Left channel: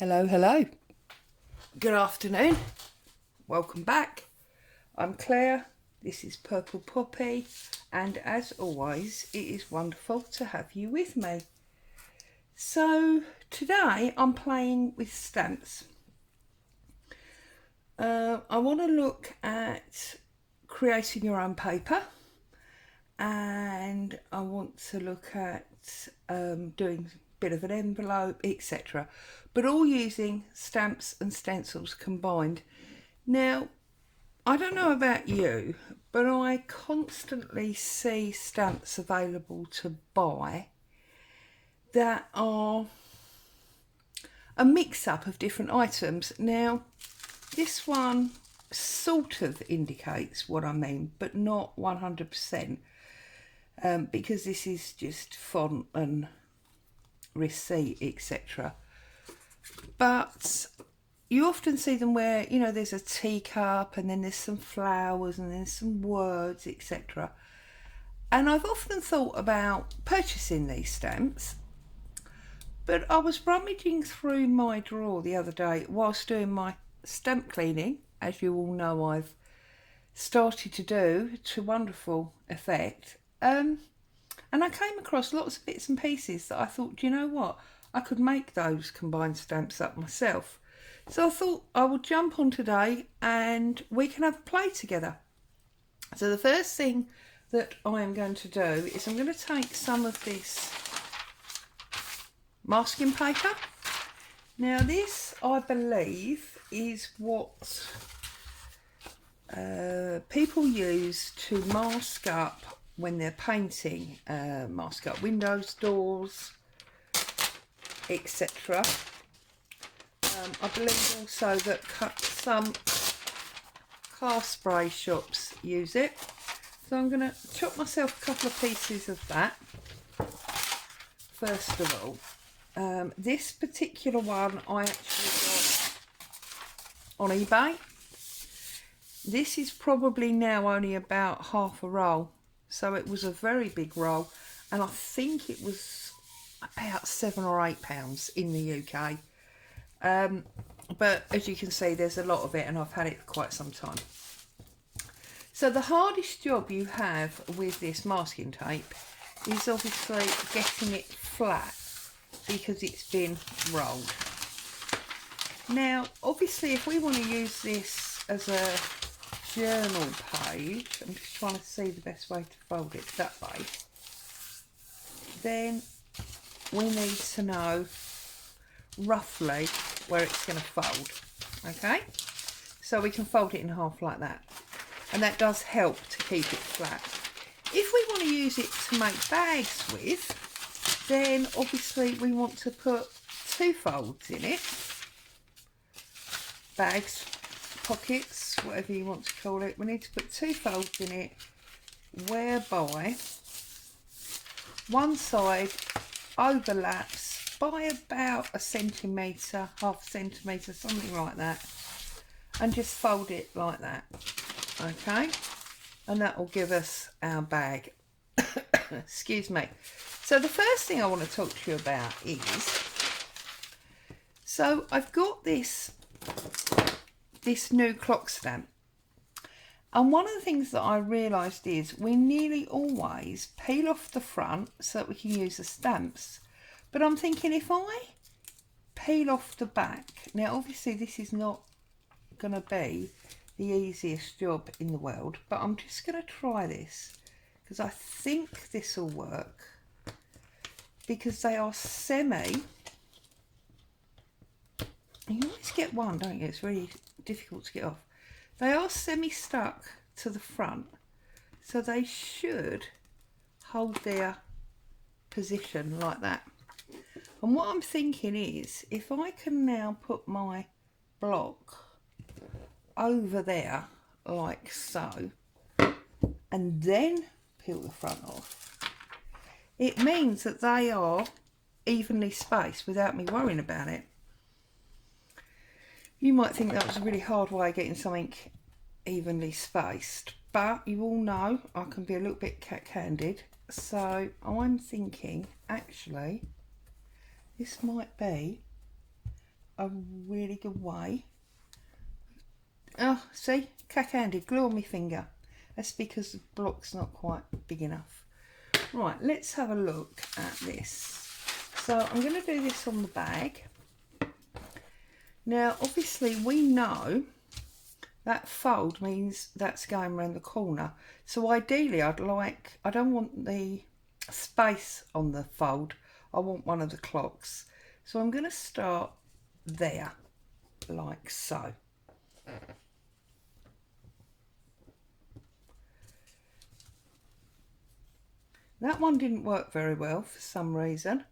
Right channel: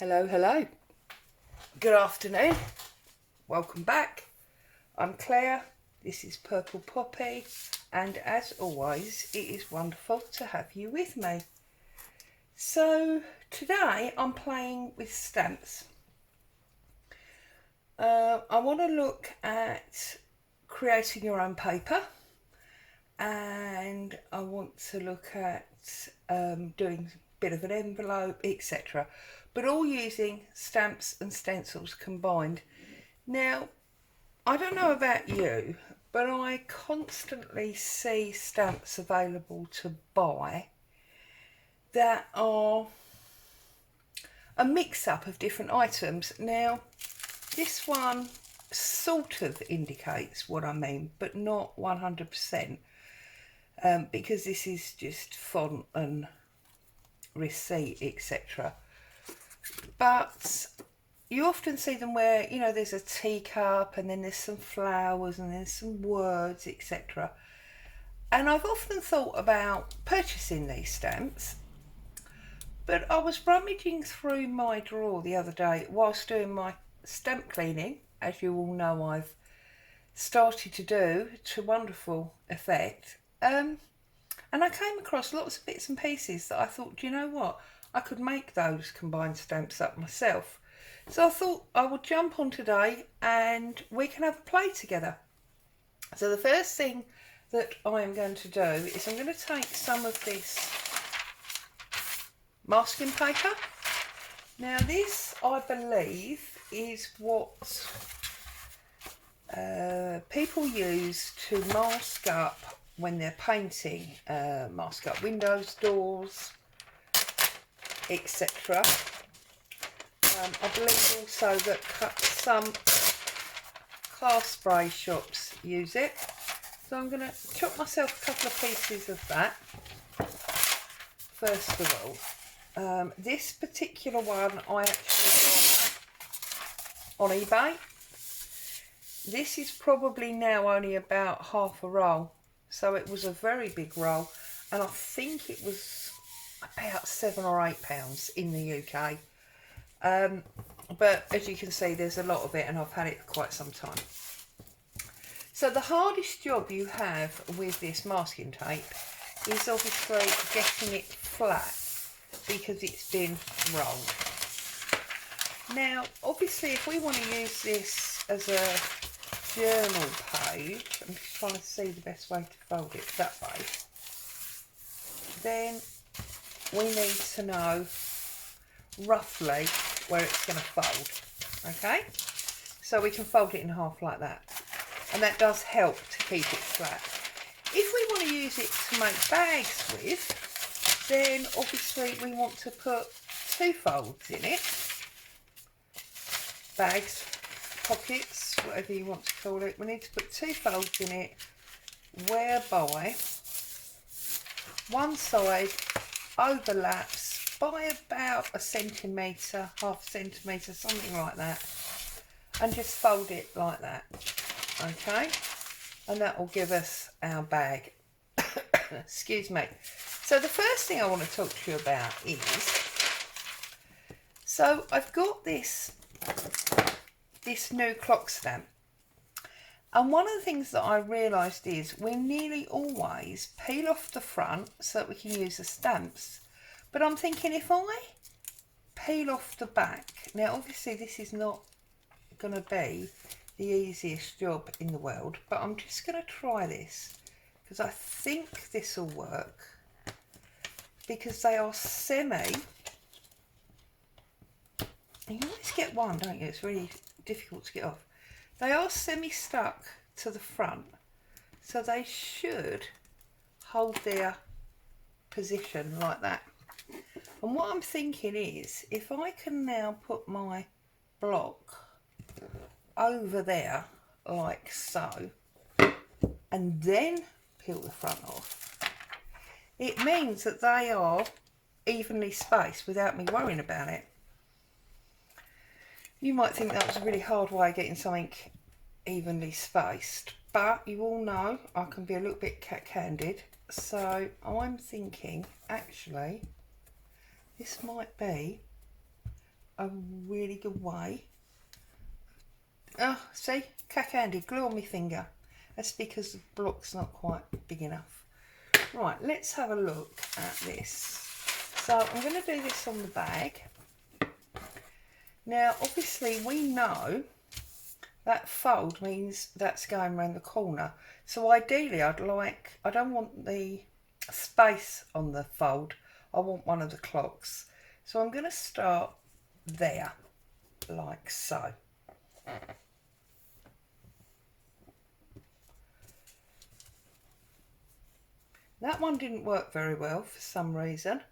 Hello, hello. Good afternoon. Welcome back. I'm Claire. This is Purple Poppy, and as always, it is wonderful to have you with me. So today I'm playing with stamps. I want to look at creating your own paper, and I want to look at doing a bit of an envelope, etc. But all using stamps and stencils combined. Now, I don't know about you, but I constantly see stamps available to buy that are a mix-up of different items. Now, this one sort of indicates what I mean, but not 100%, because this is just font and receipt, etc. But you often see them where, you know, there's a teacup and then there's some flowers and then some words, etc. And I've often thought about purchasing these stamps, but I was rummaging through my drawer the other day whilst doing my stamp cleaning, as you all know I've started to do to wonderful effect. And I came across lots of bits and pieces that I thought, do you know what? I could make those combined stamps up myself. So I thought I would jump on today and we can have a play together. So the first thing that I am going to do is I'm going to take some of this masking paper. Now this, I believe, is what people use to mask up when they're painting, mask up windows, doors, etc. I believe also that some car spray shops use it. So I'm going to chop myself a couple of pieces of that. First of all, this particular one I actually got on eBay. This is probably now only about half a roll. So it was a very big roll, and I think it was about £7 or £8 in the UK. But as you can see, there's a lot of it and I've had it for quite some time. So the hardest job you have with this masking tape is obviously getting it flat because it's been rolled. Now obviously if we want to use this as a journal page, I'm just trying to see the best way to fold it that way, then we need to know roughly where it's going to fold. Okay, so we can fold it in half like that, and that does help to keep it flat. If we want to use it to make bags with, then obviously we want to put two folds in it. Bags, pockets, whatever you want to call it, we need to put two folds in it whereby one side overlaps by about a centimetre, half a centimetre, something like that, and just fold it like that. Okay, and that will give us our bag. Excuse me. So the first thing I want to talk to you about is, so I've got this new clock stamp, and one of the things that I realised is we nearly always peel off the front so that we can use the stamps. But I'm thinking if I peel off the back, now obviously this is not going to be the easiest job in the world, but I'm just going to try this because I think this will work, because they are semi, you always get one, don't you? It's really difficult to get off. They are semi stuck to the front, so they should hold their position like that. And what I'm thinking is, if I can now put my block over there like so, and then peel the front off, it means that they are evenly spaced without me worrying about it. You might think that was a really hard way of getting something evenly spaced, but you all know I can be a little bit cat-handed, so I'm thinking actually this might be a really good way. Oh, see, cack-handed, glue on my finger. That's because the block's not quite big enough. Right, let's have a look at this. So I'm going to do this on the bag. Now, obviously, we know that fold means that's going around the corner. So ideally, I don't want the space on the fold. I want one of the clocks. So I'm going to start there, like so. That one didn't work very well for some reason,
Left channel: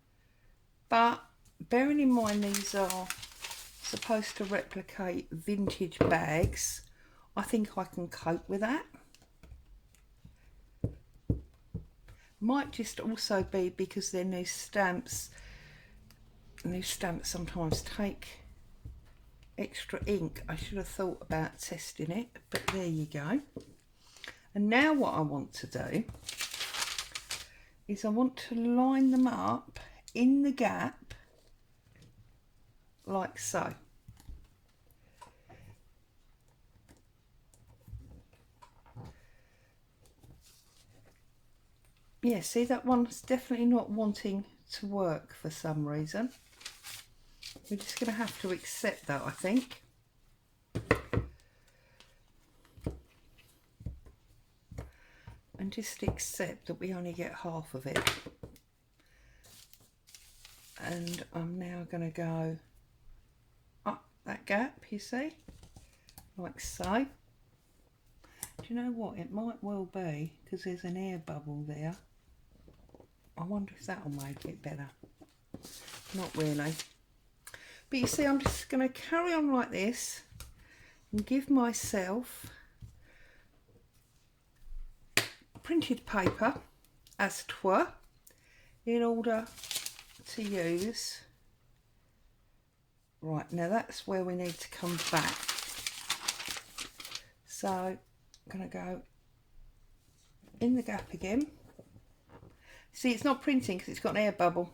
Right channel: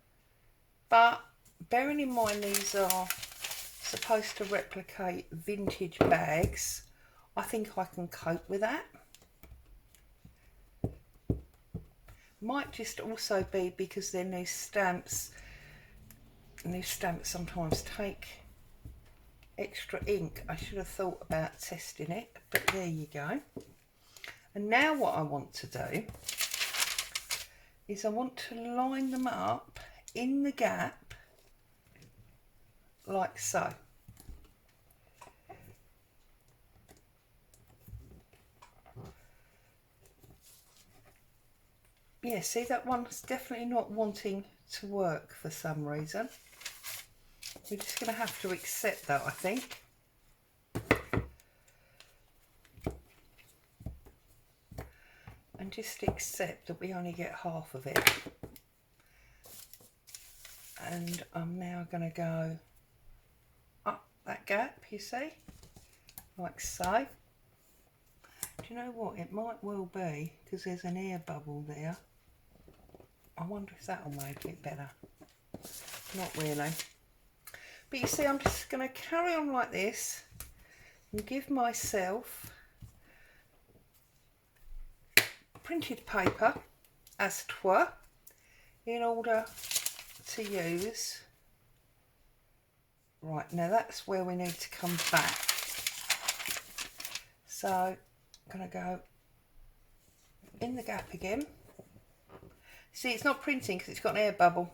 but bearing in mind these are supposed to replicate vintage bags, I think I can cope with that. Might just also be because they're new stamps. New stamps sometimes take extra ink. I should have thought about testing it, but there you go. And now what I want to do is I want to line them up in the gap like so. Yeah, see, that one's definitely not wanting to work for some reason. We're just going to have to accept that, I think. And just accept that we only get half of it. And I'm now going to go up that gap, you see, like so. Do you know what? It might well be because there's an air bubble there. I wonder if that'll make it better. Not really. But you see, I'm just going to carry on like this and give myself printed paper as it were in order to use. Right, now that's where we need to come back. So I'm going to go in the gap again. See, it's not printing because it's got an air bubble.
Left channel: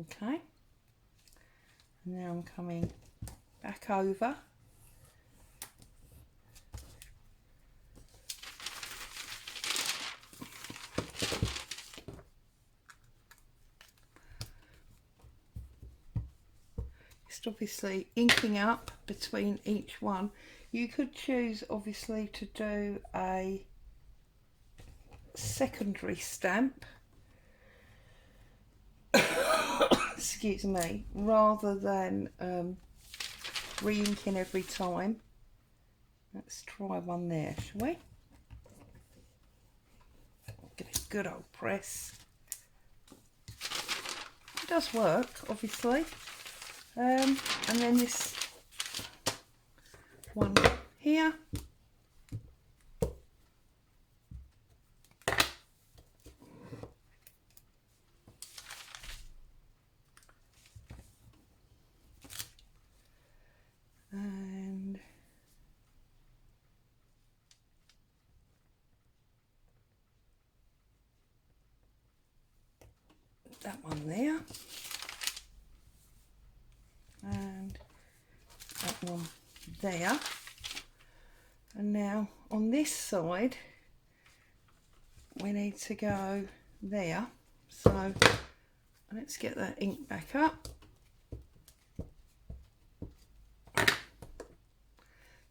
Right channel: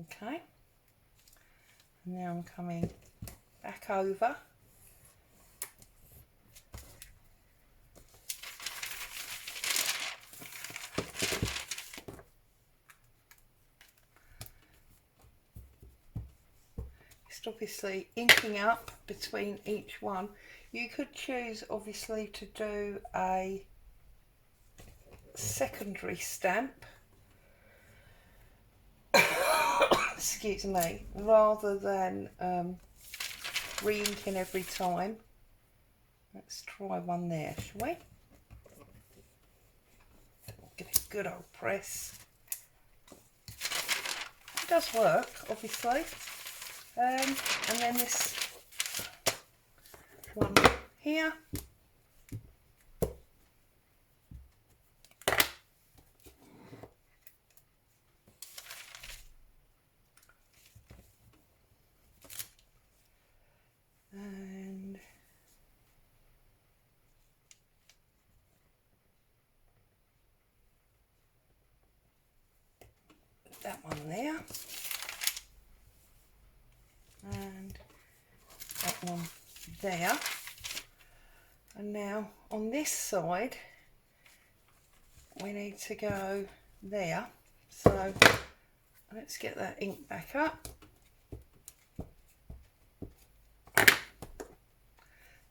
Okay, and now I'm coming back over. Just obviously inking up between each one. You could choose obviously to do a secondary stamp, excuse me, rather than re-inking every time. Let's try one there, shall we? Give it a good old press. It does work, obviously. And then this one here. And that one there. And that one there. And now on this side we need to go there, so let's get that ink back up.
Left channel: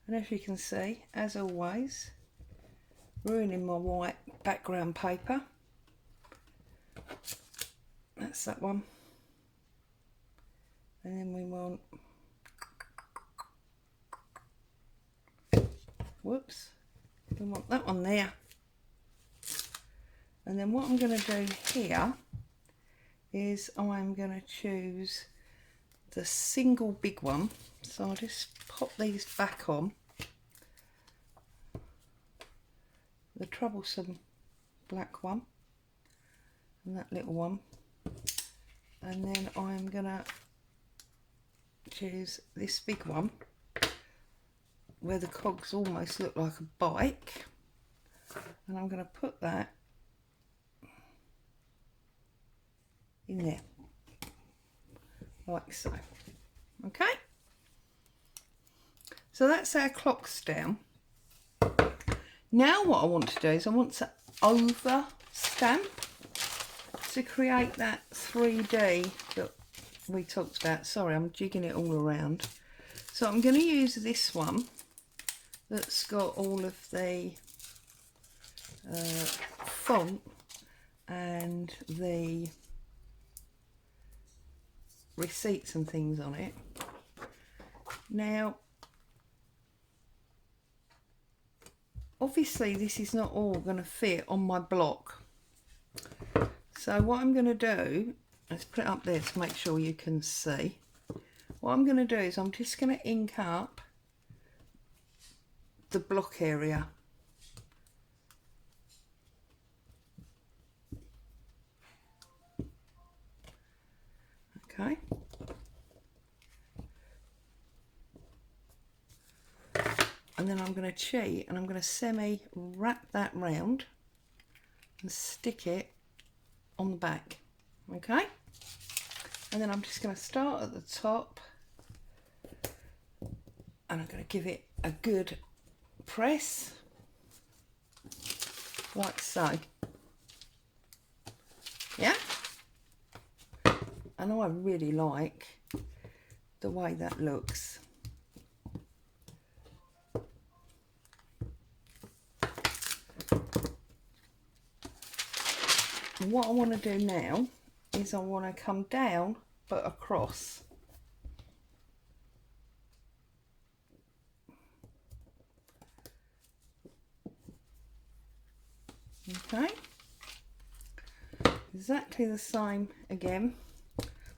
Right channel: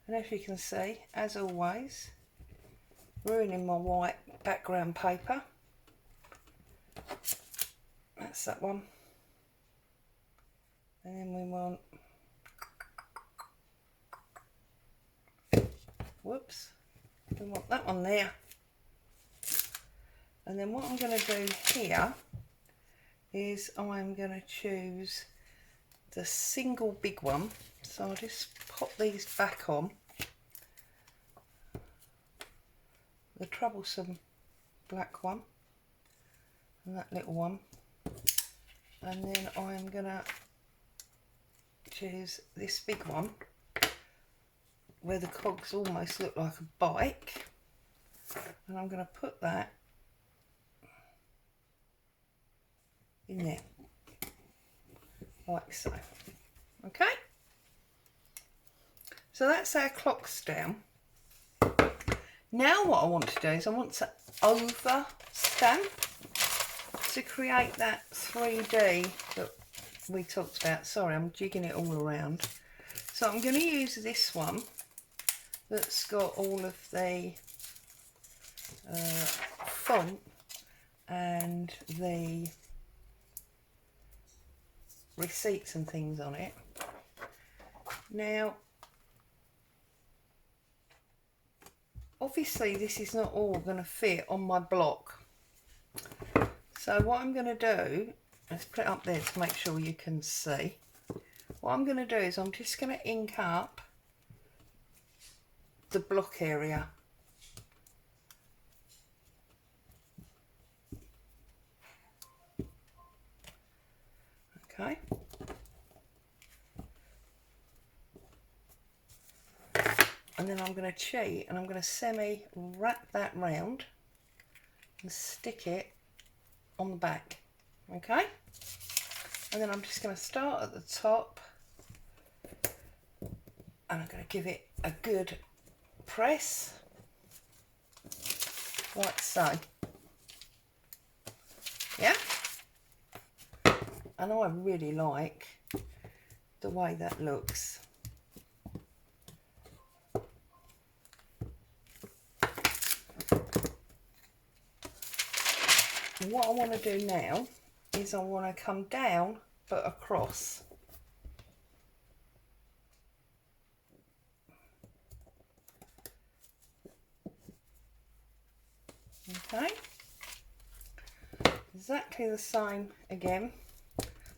And as you can see, as always, ruining my white background paper. That's that one. And then we want, whoops, we want that one there. And then what I'm going to do here is I'm going to choose the single big one. So I'll just pop these back on. The troublesome black one and that little one. And then I'm going to choose this big one. where the cogs almost look like a bike, and I'm going to put that in there like so. Okay, so that's our clocks down. Now what I want to do is I want to over stamp to create that 3D that we talked about. Sorry, I'm jigging it all around. So I'm going to use this one that's got all of the font and the receipts and things on it. Now, obviously this is not all going to fit on my block. So what I'm going to do, let's put it up there to make sure you can see. What I'm going to do is I'm just going to ink up the block area. Okay. And then I'm going to cheat and I'm going to semi wrap that round and stick it on the back. Okay. And then I'm just going to start at the top and I'm going to give it a good press like so. Yeah. And I really like the way that looks. And what I want to do now is I want to come down but across. Okay. Exactly the same again.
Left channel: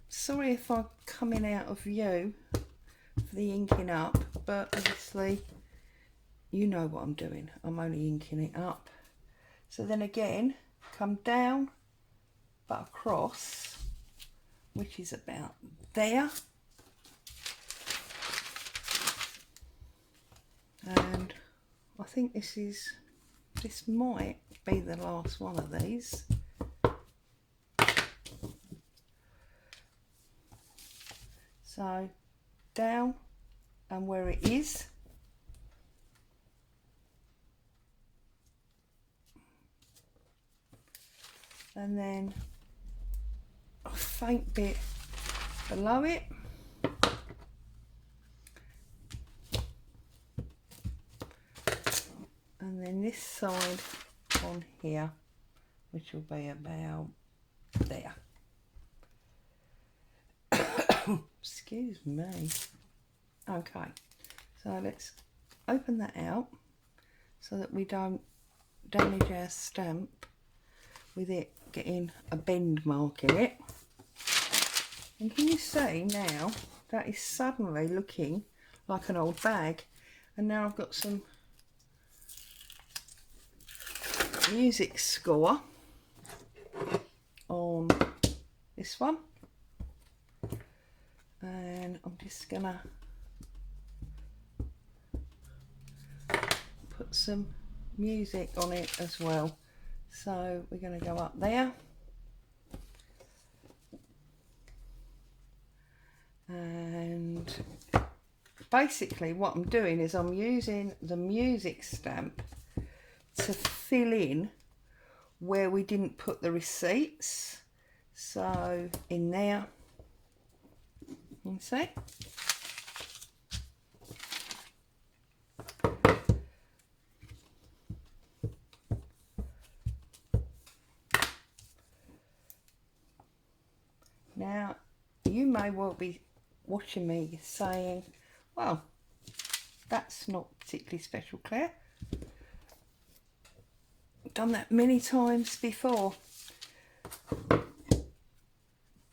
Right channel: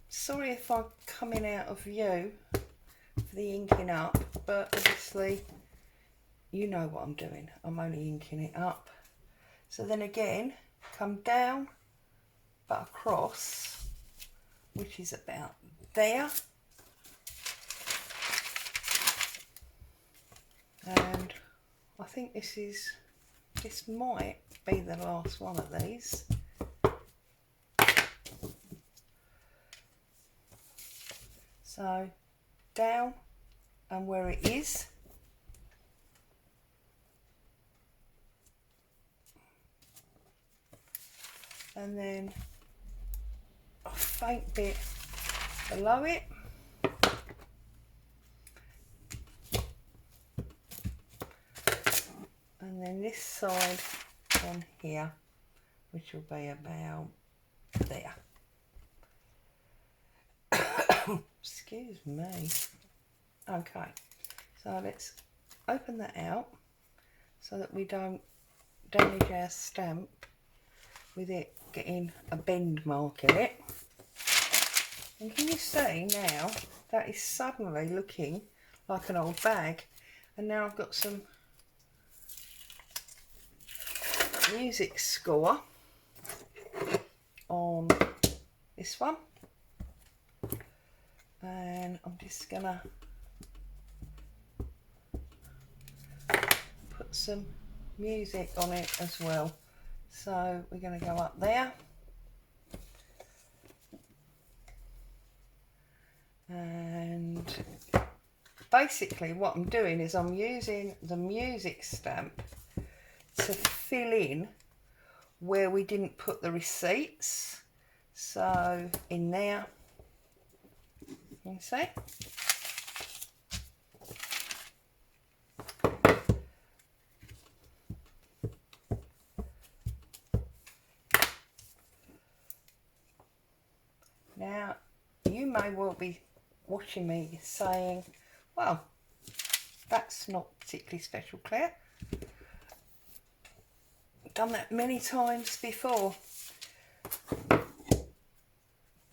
Sorry if I'm coming out of view for the inking up, but obviously you know what I'm doing. I'm only inking it up. So then again, come down but across, which is about there. And I think this might be the last one of these. So down and where it is. And then a faint bit below it. And then this side on here, which will be about there. Excuse me. Okay, so let's open that out so that we don't damage our stamp with it getting a bend mark in it. And can you see now that is suddenly looking like an old bag? And now I've got some music score on this one, and I'm just gonna put some music on it as well. So we're going to go up there, and basically what I'm doing is I'm using the music stamp to fill in where we didn't put the receipts. So in there, you can see. Now, you may well be watching me saying, well, that's not particularly special, Claire. I've done that many times before.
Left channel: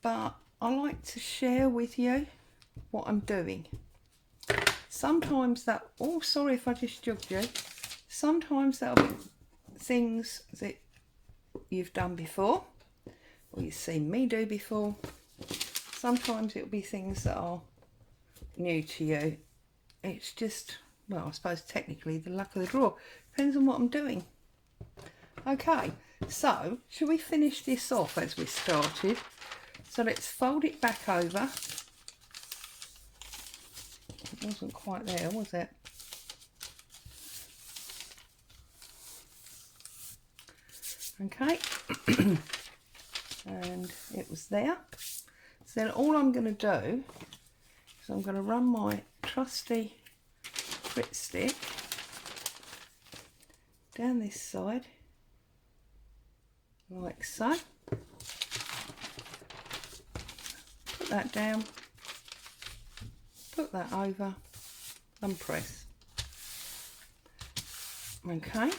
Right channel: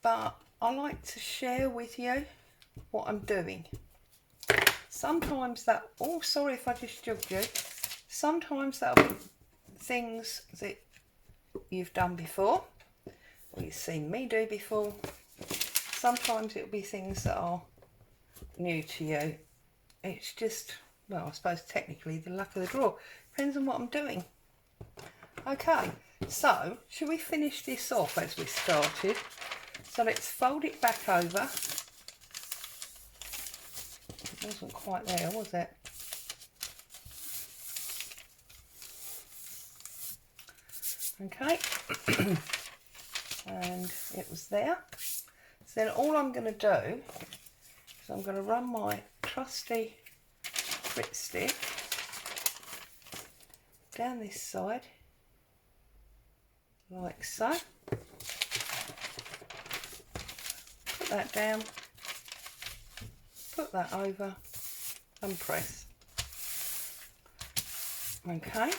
But I like to share with you what I'm doing. Sometimes that, oh, sorry if I just jugged you. Sometimes that'll be things that you've done before, or you've seen me do before. Sometimes it'll be things that are new to you. It's just well, I suppose technically the luck of the draw. Depends on what I'm doing. Okay, so should we finish this off as we started? So let's fold it back over. It wasn't quite there, was it? Okay, and it was there. So then all I'm going to do is I'm going to run my trusty Grit stick down this side, like so. Put that down, put that over and press. Okay,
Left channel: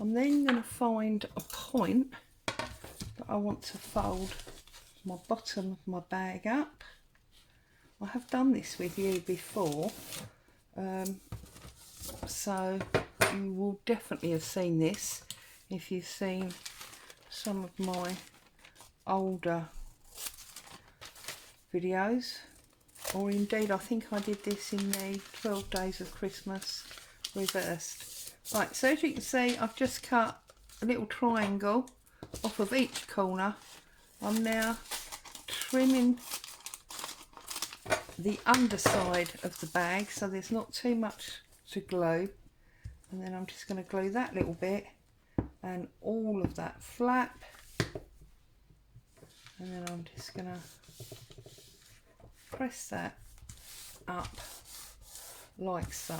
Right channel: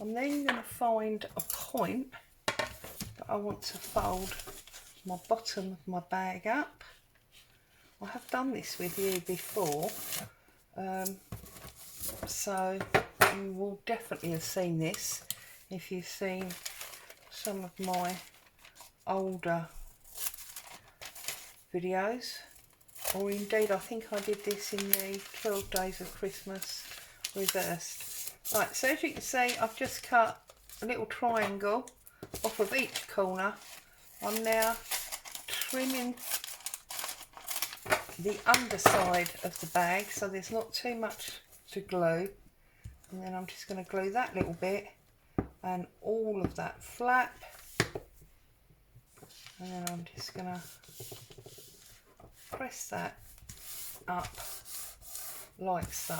I'm then going to find a point that I want to fold my bottom of my bag up. I have done this with you before, so you will definitely have seen this if you've seen some of my older videos, or indeed I think I did this in the 12 Days of Christmas reversed. Right, so as you can see, I've just cut a little triangle off of each corner. I'm now trimming the underside of the bag so there's not too much to glue, and then I'm just going to glue that little bit and all of that flap, and then I'm just going to press that up like so.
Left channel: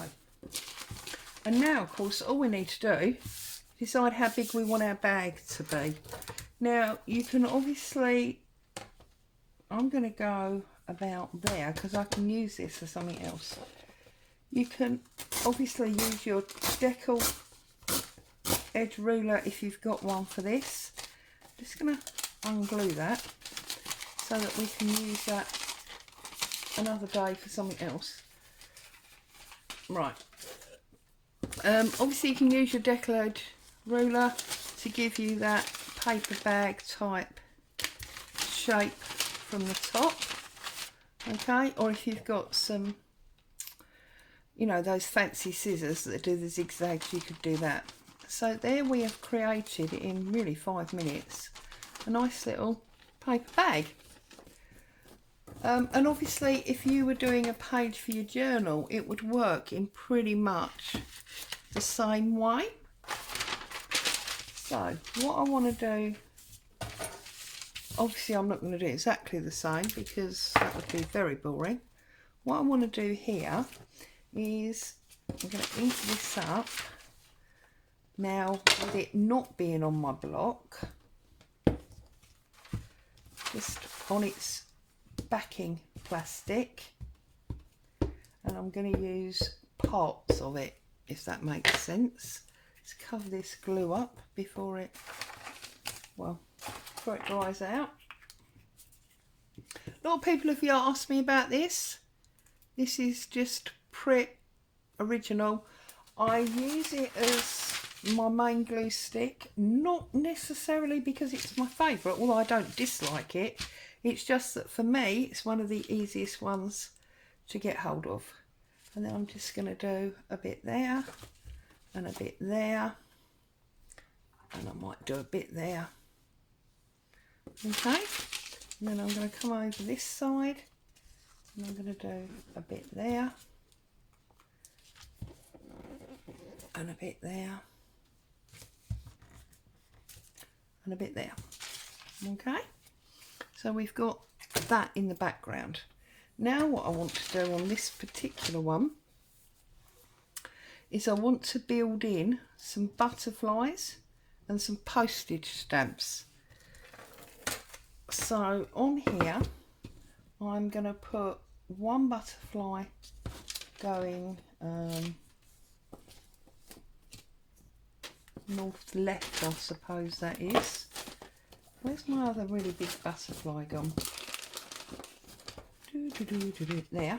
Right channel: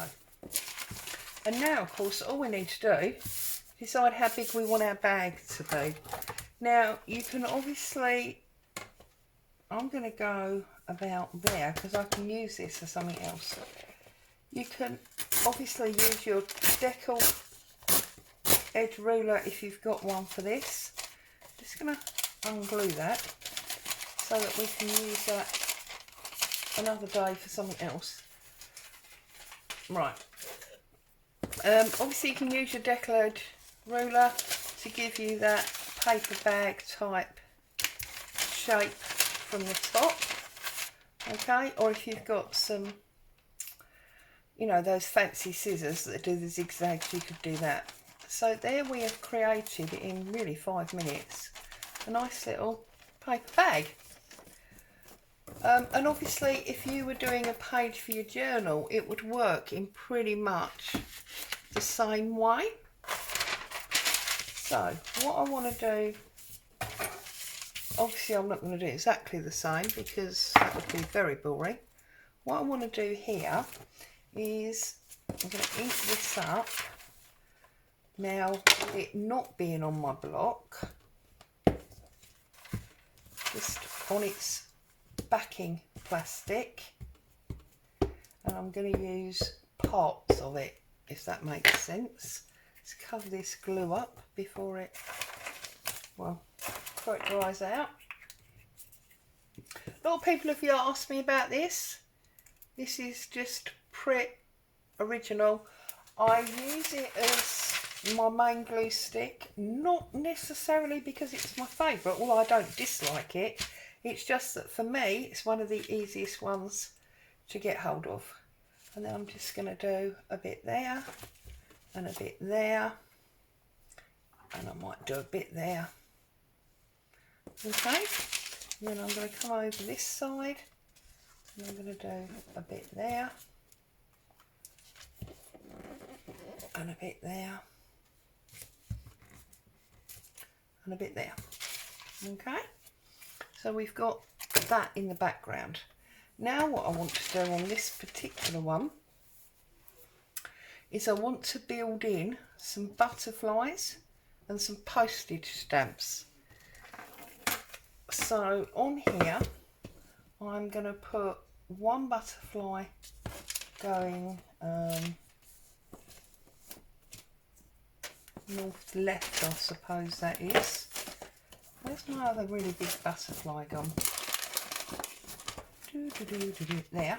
And now of course all we need to do is decide how big we want our bag to be. Now you can obviously, I'm going to go about there because I can use this for something else. You can obviously use your decal edge ruler if you've got one for this. Just going to unglue that so that we can use that another day for something else. Right. Obviously you can use your decal edge ruler to give you that paper bag type shape from the top. Okay, or if you've got some, you know, those fancy scissors that do the zigzags, you could do that. So there we have created, in really 5 minutes, a nice little paper bag. And obviously if you were doing a page for your journal, it would work in pretty much the same way. So what I want to do, obviously I'm not going to do exactly the same because that would be very boring. What I want to do here is I'm going to ease this up. Now with it not being on my block, just on its backing plastic, and I'm going to use parts of it, if that makes sense. Let's cover this glue up before it dries out. A lot of people have asked me about this. This is just Prit original. I use it as my main glue stick, not necessarily because it's my favourite, although I don't dislike it. It's just that for me it's one of the easiest ones to get hold of. And then I'm just going to do a bit there and a bit there, and I might do a bit there. Okay, and then I'm going to come over this side and I'm going to do a bit there and a bit there and a bit there. Okay, so we've got that in the background. Now what I want to do on this particular one is I want to build in some butterflies and some postage stamps. So on here I'm going to put one butterfly going north left, I suppose that is. Where's my other really big butterfly gone? There.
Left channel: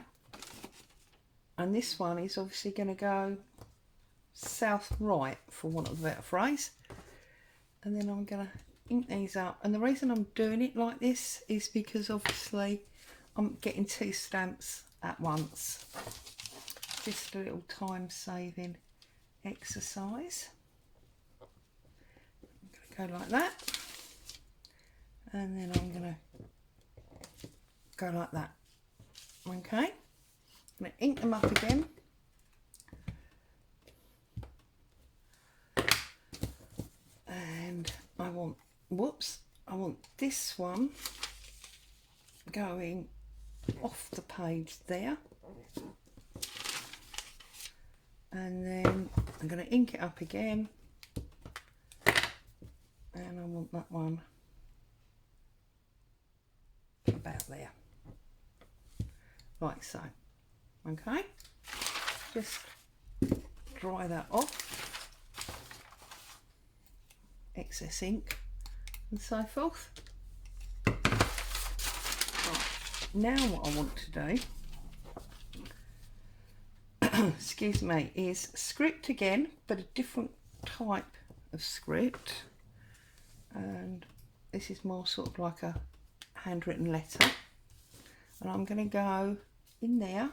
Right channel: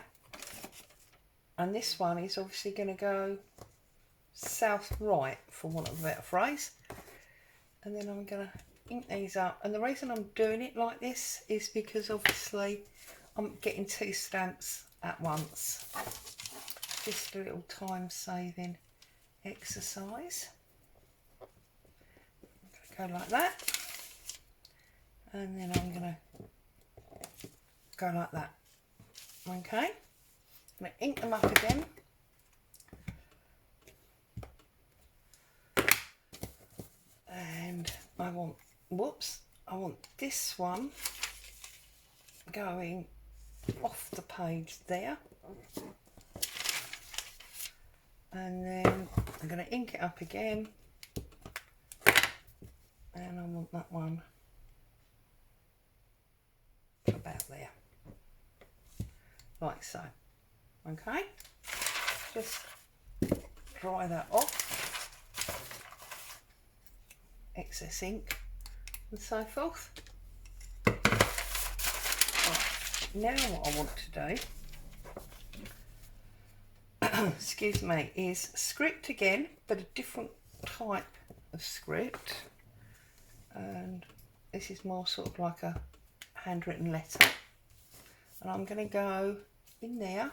And this one is obviously going to go south right, for want of a better phrase. And then I'm going to ink these up, and the reason I'm doing it like this is because obviously I'm getting 2 stamps at once. just a little time saving exercise. I'm going to go like that, and then I'm going to go like that. Okay, I'm going to ink them up again. And I want, I want this one going off the page there. And then I'm going to ink it up again. And I want that one about there. Like so. Okay, just dry that off, excess ink and so forth. Right. Now what I want to do excuse me, is script again, but a different type of script, and this is more sort of like a handwritten letter, and I'm going to go in there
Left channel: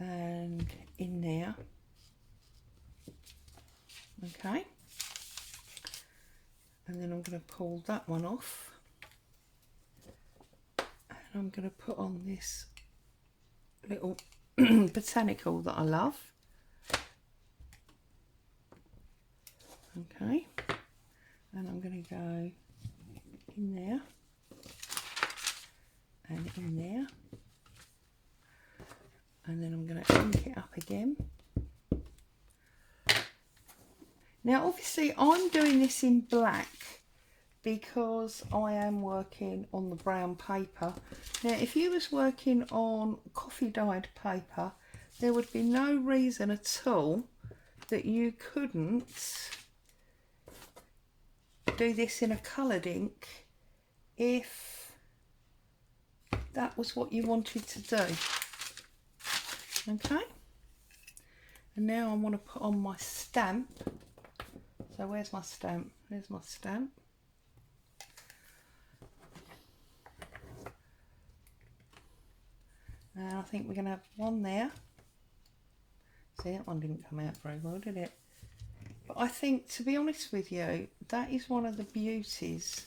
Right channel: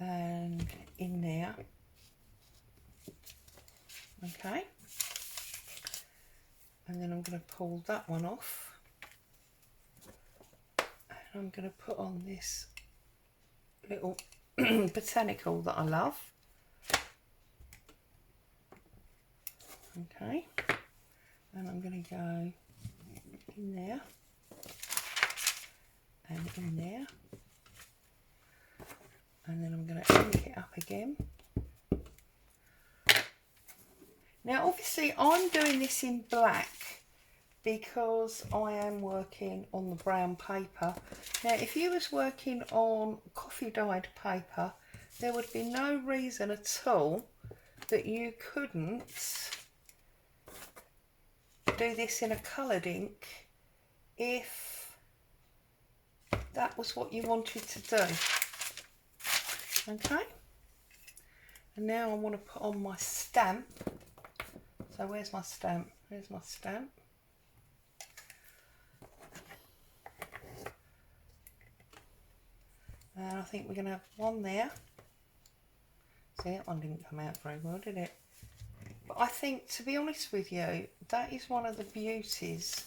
and in there. Okay, and then I'm going to pull that one off, and I'm going to put on this little botanical that I love. Okay, and I'm going to go in there and in there, and then I'm going to ink it up again. Now obviously I'm doing this in black because I am working on the brown paper. Now if you was working on coffee dyed paper, there would be no reason at all that you couldn't do this in a coloured ink if that was what you wanted to do. Okay, and now I want to put on my stamp. So where's my stamp? There's my stamp. And I think we're going to have one there. See, that one didn't come out very well, did it? But I think, to be honest with you, that is one of the beauties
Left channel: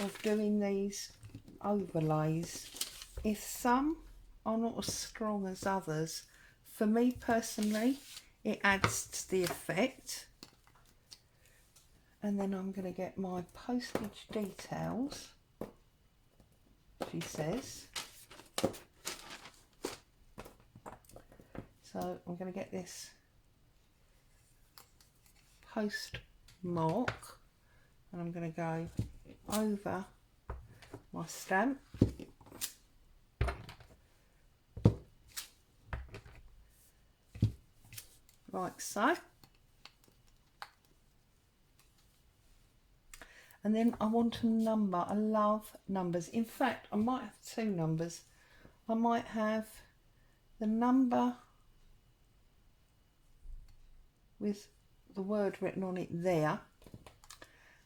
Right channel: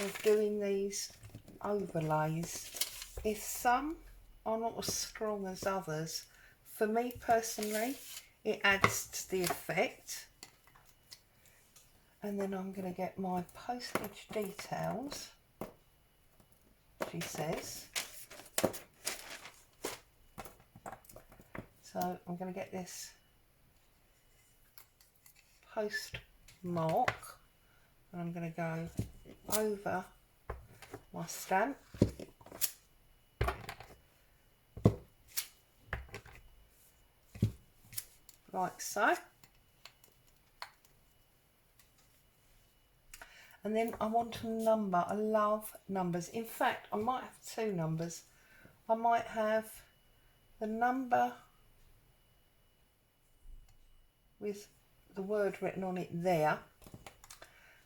of doing these overlays. If some are not as strong as others, for me personally, it adds to the effect. And then I'm going to get my postage details, she says. So I'm going to get this postmark, and I'm going to go over my stamp. Like so. And then I want a number. I love numbers. In fact, I might have two numbers. I might have the number with the word written on it there,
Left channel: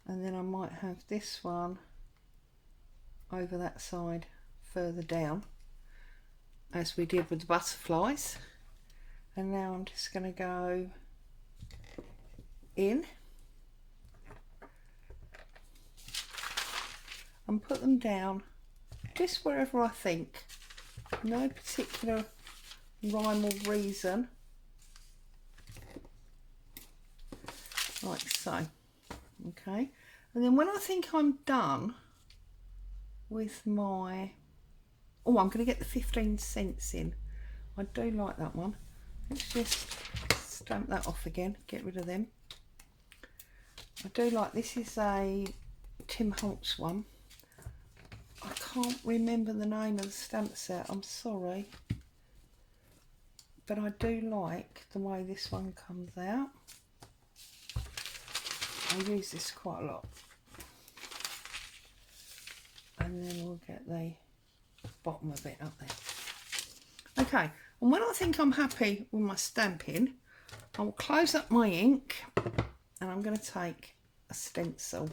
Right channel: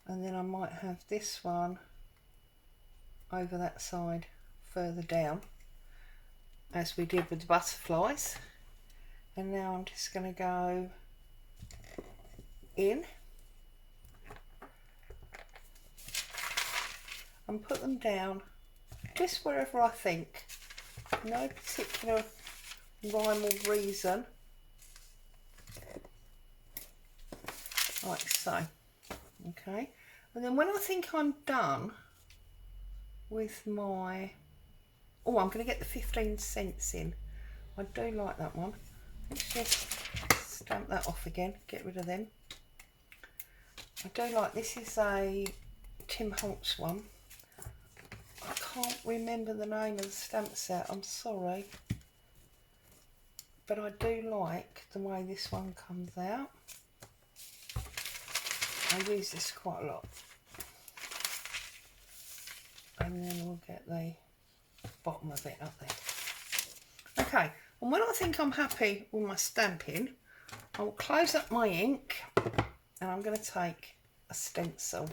and then I might have this one over that side further down, as we did with the butterflies. And now I'm just going to go in and put them down just wherever I think. No particular rhyme or reason. Like so. Okay, and then when I think I'm done with my, oh, I'm going to get the 15 cents in. I do like that one. Let's just stamp that off again, get rid of them. I do like, this is a Tim Holtz one. I can't remember the name of the stamp set, I'm sorry. But I do like the way this one comes out. I use this quite a lot. And then we'll get the bottom of it up there. Okay, and when I think I'm happy with my stamping, I will close up my ink and I'm going to take a stencil.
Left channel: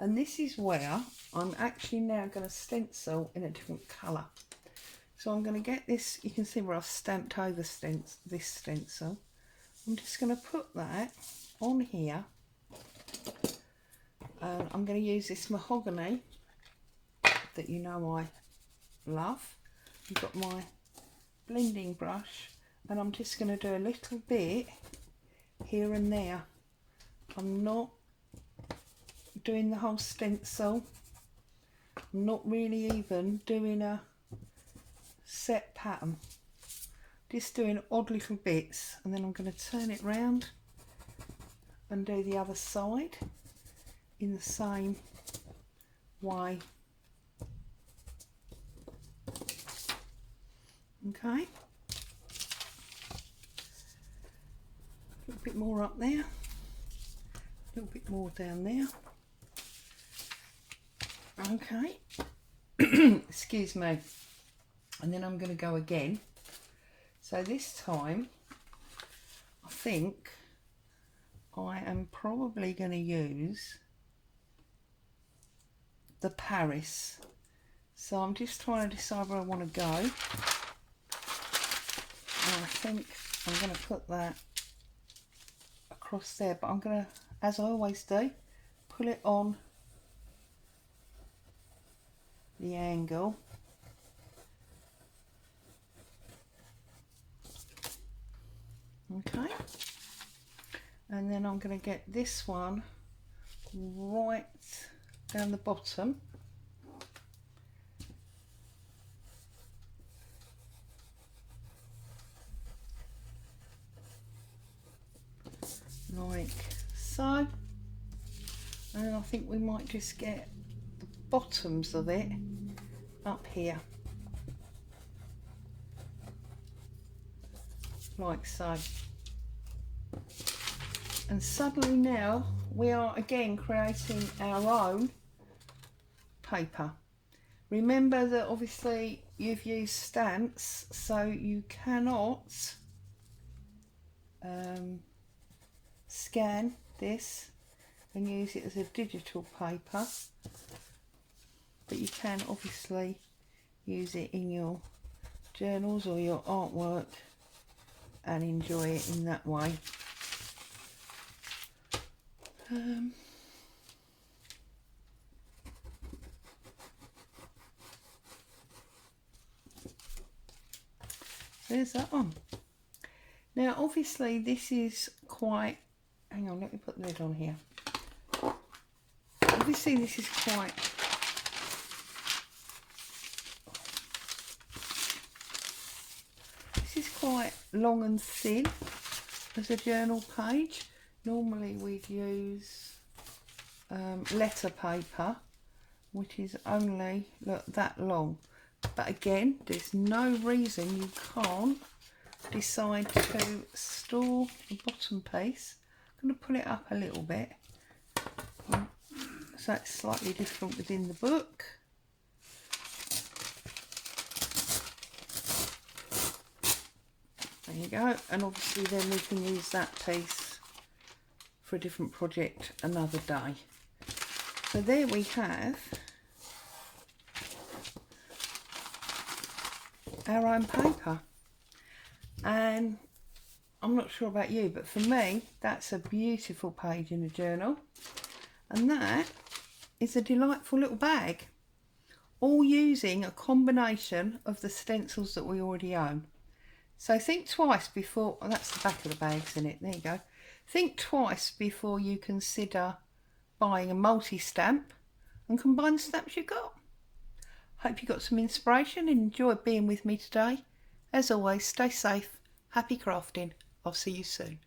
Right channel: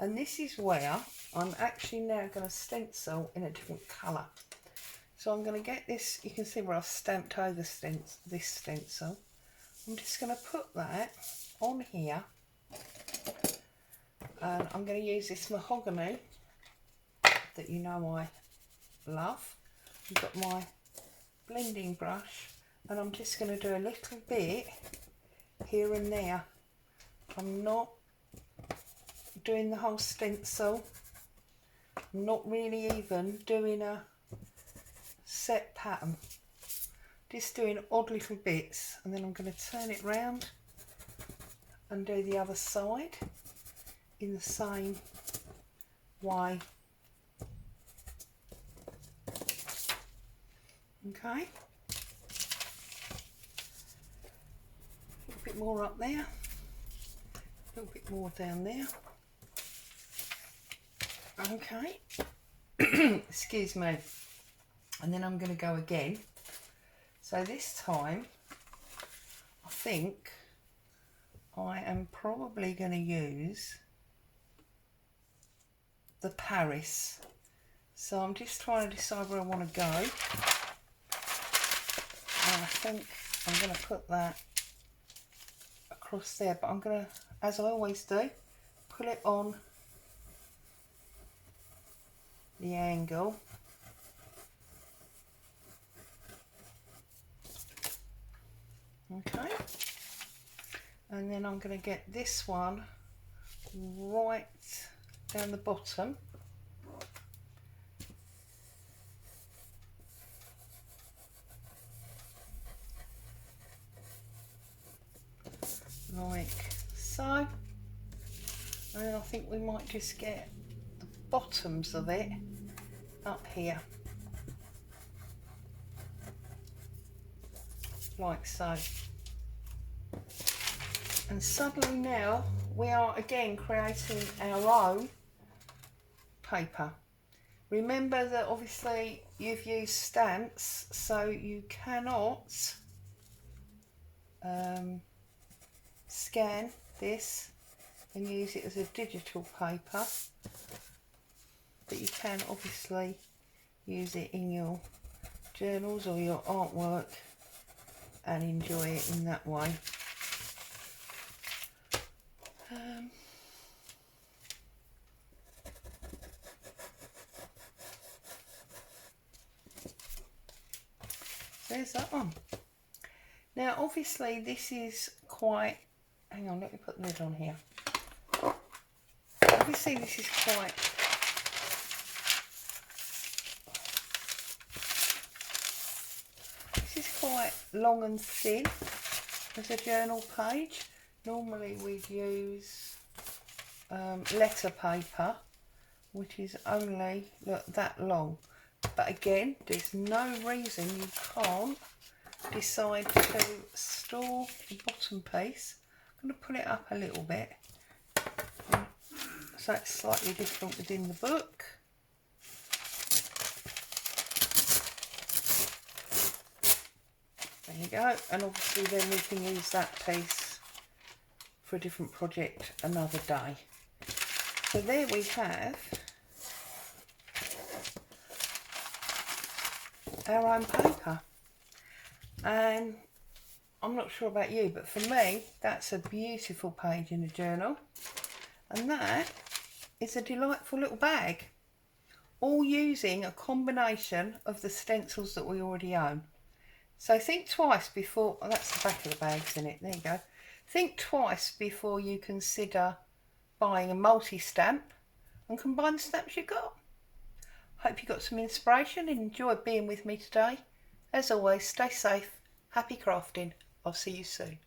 And this is where I'm actually now going to stencil in a different colour. So I'm going to get this, you can see where I've stamped over this stencil. I'm just going to put that on here, and I'm going to use this mahogany that you know I love. I've got my blending brush, and I'm just going to do a little bit here and there. I'm not doing the whole stencil. I'm not really even doing a set pattern. Just doing odd little bits, and then I'm going to turn it round and do the other side in the same way. Okay. A little bit more up there. A little bit more down there. Okay. Excuse me. And then I'm going to go again. So this time, I think I am probably going to use the Paris. So I'm just trying to decide where I want to go. And I think I'm going to put that across there, but I'm going to, as I always do, pull it on the angle. Okay, and then I'm going to get this one right down the bottom. Like so. And I think we might just get the bottoms of it up here. Like so. And suddenly now we are again creating our own paper. Remember that obviously you've used stamps, so you cannot scan this and use it as a digital paper, but you can obviously use it in your journals or your artwork and enjoy it in that way. There's that one. Now obviously this is quite, hang on, let me put the lid on here. Obviously this is quite long and thin as a journal page. Normally we'd use letter paper, which is only, look, that long. But again, there's no reason you can't decide to store the bottom piece. I'm going to pull it up a little bit so it's slightly different within the book. There you go, and obviously then we can use that piece for a different project another day. So there we have our own paper, and I'm not sure about you, but for me that's a beautiful page in a journal, and that is a delightful little bag, all using a combination of the stencils that we already own. So think twice before, well, that's the back of the bag, isn't it? There you go. Think twice before you consider buying a multi-stamp and combine the stamps you've got. Hope you got some inspiration and enjoyed being with me today. As always, stay safe, happy crafting. I'll see you soon.